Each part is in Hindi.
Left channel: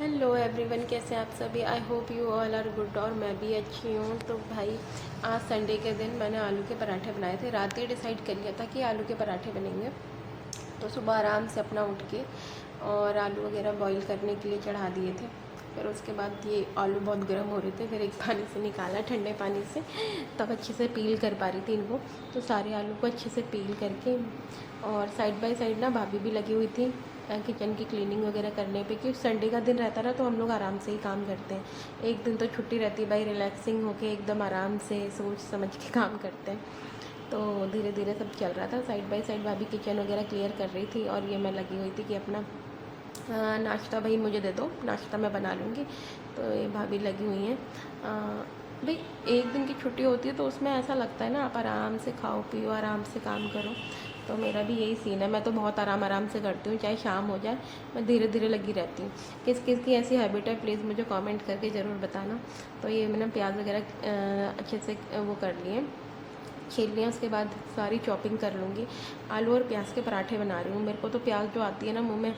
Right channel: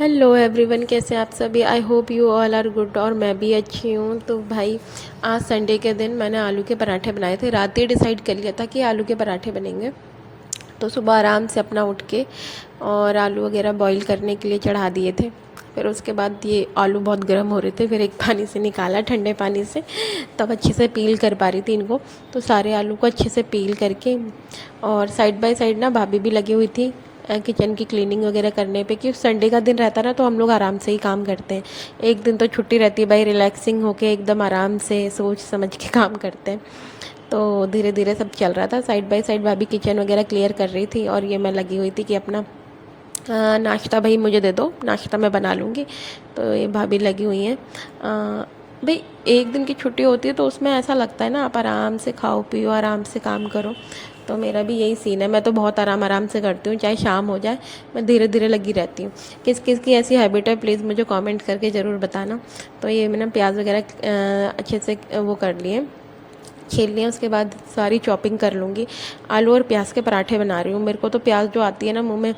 हेलो एवरीवन, कैसे हैं आप सभी। I hope you all are good. और मैं भी अच्छी हूँ। तो भाई, आज संडे के दिन मैंने आलू के पराठे बनाए थे। रात ही डिसाइड कर लिया था कि आलू के पराठे बनेंगे। तो सुबह आराम से अपना उठ के और आलू वगैरह बॉईल करने के लिए चढ़ा दिए थे। फिर उसके बाद ये आलू बहुत गर्म हो रहे थे, फिर एक पानी से निकाला, ठंडे पानी से, तब अच्छे से पील कर पा रही थी इनको। तो सारे आलू को अच्छे से पील करके, और साइड बाय साइड ना भाभी भी लगी हुई थी किचन की क्लीनिंग वगैरह करने पे, कि संडे का दिन रहता ना तो हम लोग आराम से ही काम करते हैं। एक दिन तो छुट्टी रहती है भाई, रिलैक्सिंग होके एकदम आराम से सोच समझ के काम करते हैं। तो धीरे धीरे सब चल रहा था। साइड बाय साइड भाभी किचन वगैरह क्लियर कर रही थी, और ये मैं लगी हुई थी कि अपना नाश्ता भाई मुझे दे दो, नाश्ता मैं बना लूँगी। तो ये भाभी लगी हुई हैं। भाई, एक दिन की छुट्टी होती है तो उसमें ऐसा लगता है ना, आप आराम से खाओ पियो, आराम से काम करो। तो मेरा भी यही सीन है। मैं तो बहुत आराम से करती हूँ, चाहे शाम हो जाए, मैं धीरे धीरे लगी रहती हूँ। किस किस की ऐसी हैबिट है, प्लीज़ मुझे कमेंट करके ज़रूर बताना। तो ये मैंने प्याज वगैरह अच्छे से वो कर लिए, छील लिया। उसके बाद सारी चॉपिंग कर लूँगी। आलू और प्याज के पराठे बना रही हूँ। मेरे को तो प्याज जो आती है ना मुंह में,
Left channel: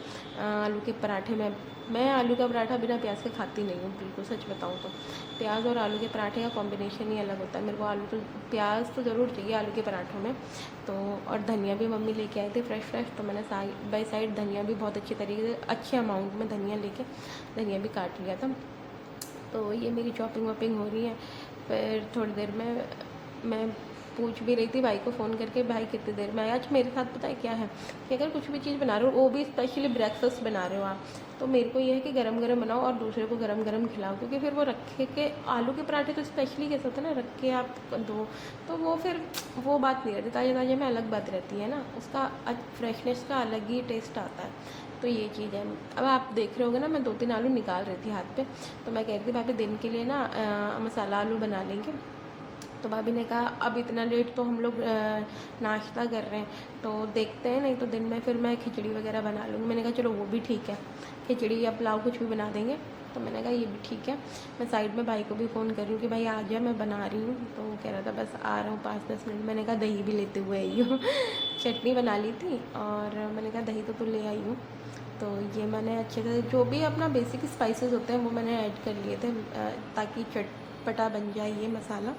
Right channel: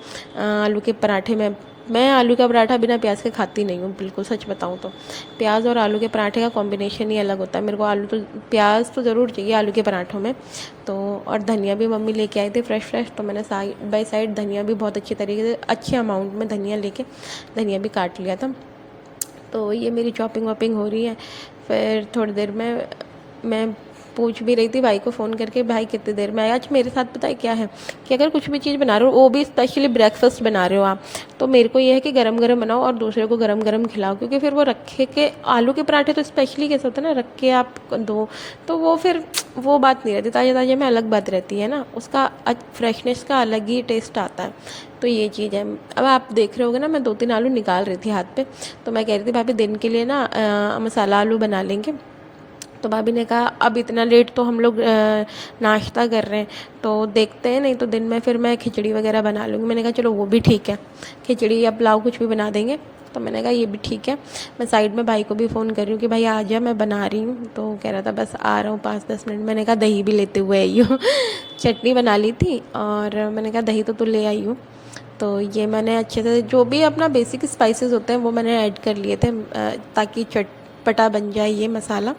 आलू के पराठे में, मैं आलू का पराठा बिना प्याज के खाती नहीं हूँ, बिल्कुल सच बताऊँ तो। प्याज और आलू के पराठे का कॉम्बिनेशन ही अलग होता है। मेरे को आलू तो, प्याज तो ज़रूर चाहिए आलू के पराठों में। तो और धनिया भी मम्मी लेके आई थी फ्रेश फ्रेश, तो मैंने साइड बाई साइड धनिया भी बहुत अच्छी तरीके से, अच्छे अमाउंट में धनिया लेके धनिया भी काट लिया था। तो ये मेरी चॉपिंग वॉपिंग हो रही है। फिर थोड़ी देर में मैं पूछ भी रही थी भाई को फ़ोन करके, भाई कितनी देर में आए। आज मेरे साथ पता है क्या है, कि अगर कुछ भी चीज़ बना रहे हो, वो भी स्पेशली ब्रेकफास्ट बना रहे हो आप, तो मेरे को ये है कि गरम गरम बनाओ और दूसरे को गरम गरम खिलाओ। क्योंकि फिर वो रखे के, आलू के पराठे तो स्पेशली कैसे होते हैं ना, रख के आप दो, तो वो फिर वो बात नहीं रहती। ताज़ा ताज़ा में अलग बात रहती है ना, उसका फ्रेशनेस का अलग ही टेस्ट आता है। तो ये चीज़ है। अब आप देख रहे होगे ना, मैं 2-3 आलू निकाल रही थी हाथ पे। तो मैं कह रही थी भाभी दिन के लिए ना मसाला आलू बना लेंगे। तो भाभी ने कहा अब इतना लेट तो हम लोग नाश्ता कर रहे हैं, तो देखते हैं, नहीं तो दिन में फिर मैं खिचड़ी वगैरह बना लूँगी। मैंने कहा चलो वो भी ठीक है, खिचड़ी या पुलाव कुछ भी बना देंगे। तो मैंने कहा ये भी ठीक है। मैं साइड में भाई को भी फ़ोन कर रही हूँ कि भाई आ जा, मैं बना रही हूँ। तो कह रहा था बस आ रहा हूँ 5-10 मिनट। मैंने कहा दही भी लेते हुए आई हूँ। चटनी बना ली थी, और मैंने कहा दही तो ले आई हूँ। तो ये मैंने अच्छे से जो भी अपना बेसिक स्पाइसेस होते हैं वो मैंने ऐड कर लिए थे, ताकि चटपटा बन जाए ये मसाला।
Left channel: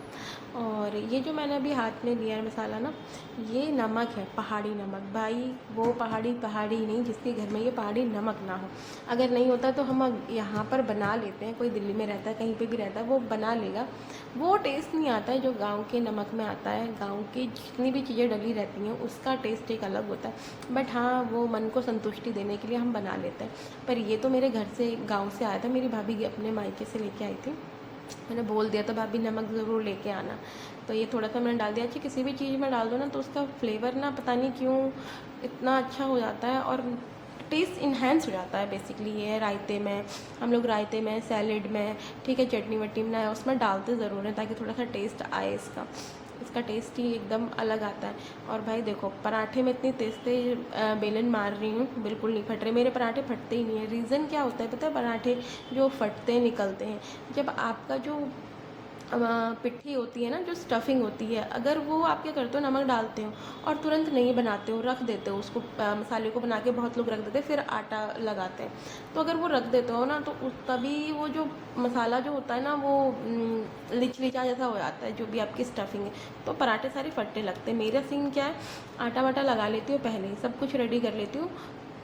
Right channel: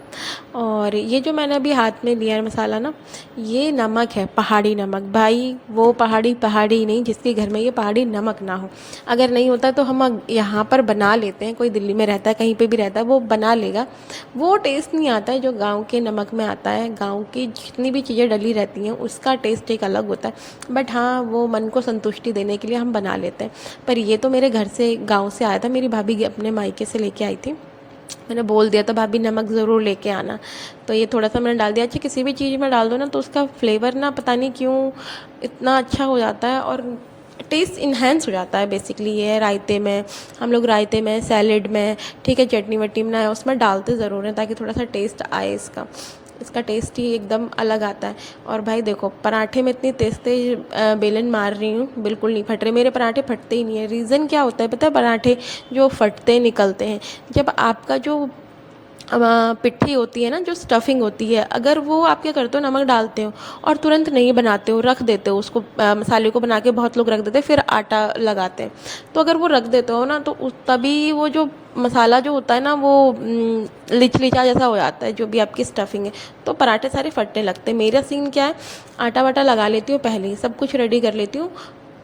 और ये जो मैंने अभी हाथ में लिया है मसाला ना, ये नमक है, पहाड़ी नमक। भाई वो पहाड़ी पहाड़ी नहीं जिसके घर में ये पहाड़ी नमक ना हो। अगर नहीं होता तो हम यहाँ पर बना लेते हैं, कोई दिल्ली में रहता है, कहीं पे भी रहता है, वो बना लेगा। वो टेस्ट नहीं आता है जो गाँव के नमक में आता है। गाँव की जितनी भी चीज़ें डली रहती हैं उसका टेस्ट एक अलग होता है। बट हाँ, वो मन को संतुष्टि देने के लिए हम बना लेते हैं। पर ये तो मेरे घर से, गाँव से आया था, मेरी भाभी अपने मायके से लेके आई थी। मैंने बोल दिया था भाभी नमक ज़रूर लेके आना। तो ये थोड़ा सा मैंने डाल दिया। अच्छा, किसी भी चीज़ में डाल दो ना तो उसका फ्लेवर ना पता नहीं क्यों इतना अच्छा हो जाता है, और टेस्ट इन्हेंस हो जाता है। बेसिकली ये है, रायते में, हम लोग रायते में, सैलेड में, ठीक है, चटनी वटनी बनाए उसमें डालते ज़रूर हैं, ताकि थोड़ा सा टेस्ट आए इसका। इसका टेस्ट ही एकदम अलग आता है। और भाई देखो, पराठे में इतनी तेज़ तेज़ बेलन मार रही हूँ, बिल्कुल नहीं फट रहे मेरे पराठे, फटते ही नहीं है। रीज़न क्या होता है पता है, पराठे जो फटते निकलते हैं, जब आपका जो पिट्ठी होती है ना, जो स्टफिंग होती है, अगर वो आप क्या करते हो, नमक डालते हो और तुरंत नहीं बनाते हो, रख देते हो उसको, मसाले को बना के बहुत लोग रख देते हैं, फिर आटा लगाते हैं। तो अगर वो रख देते हो ना, तो तभी वो जो मसाला जो होता है ना, वो लिचलिचा जैसा हो जाता है, जो भी आपकी स्टफिंग है, तो पराठे सारे फटने लगते हैं। मेरा सीन क्या है, आटा वाटा लगा लेती हूँ पहले ही, सब कुछ रेडी कर लेती हूँ,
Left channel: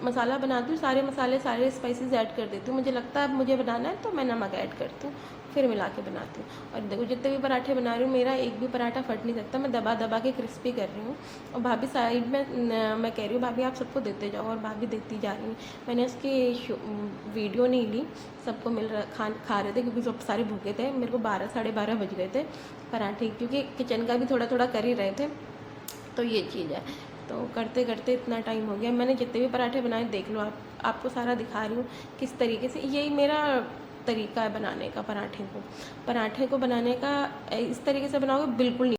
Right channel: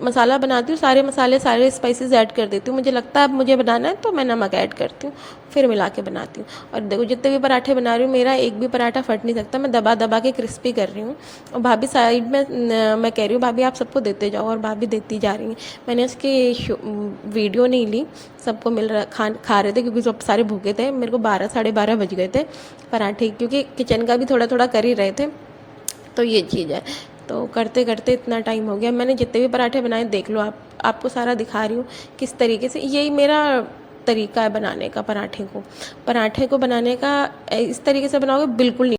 मसाला बनाती हूँ, सारे मसाले सारे स्पाइसेस ऐड कर देती हूँ। मुझे लगता है अब मुझे बनाना है तो मैं नमक ऐड करती हूँ, फिर मिला के बनाती हूँ। और देखो, जितने भी पराठे बना रही हूँ, मेरा एक भी पराठा फट नहीं सकता। मैं दबा दबा के क्रिस्पी कर रही हूँ। और भाभी साइड में, मैं कह रही हूँ भाभी आप सबको देते जाओ, और भाभी देती जा रही हैं। मैंने उसकी वीडियो नहीं ली, सबको मिल रहा, खा रहे थे, क्योंकि सब सारे भूखे थे। मेरे को 12-12:30 बज गए थे पराठे, क्योंकि किचन का भी थोड़ा थोड़ा कर ही रहे थे। तो ये चीज़ है। तो करते करते इतना टाइम हो गया। मैंने जितने भी पराठे बनाए देख लो आप, आपको सारा दिखा रही हूँ किस तरीके से। यही मेरा तरीका है बनाने का पराठे को। पराठे को बनाने का इस तरीके से बनाओगे बिल्कुल नहीं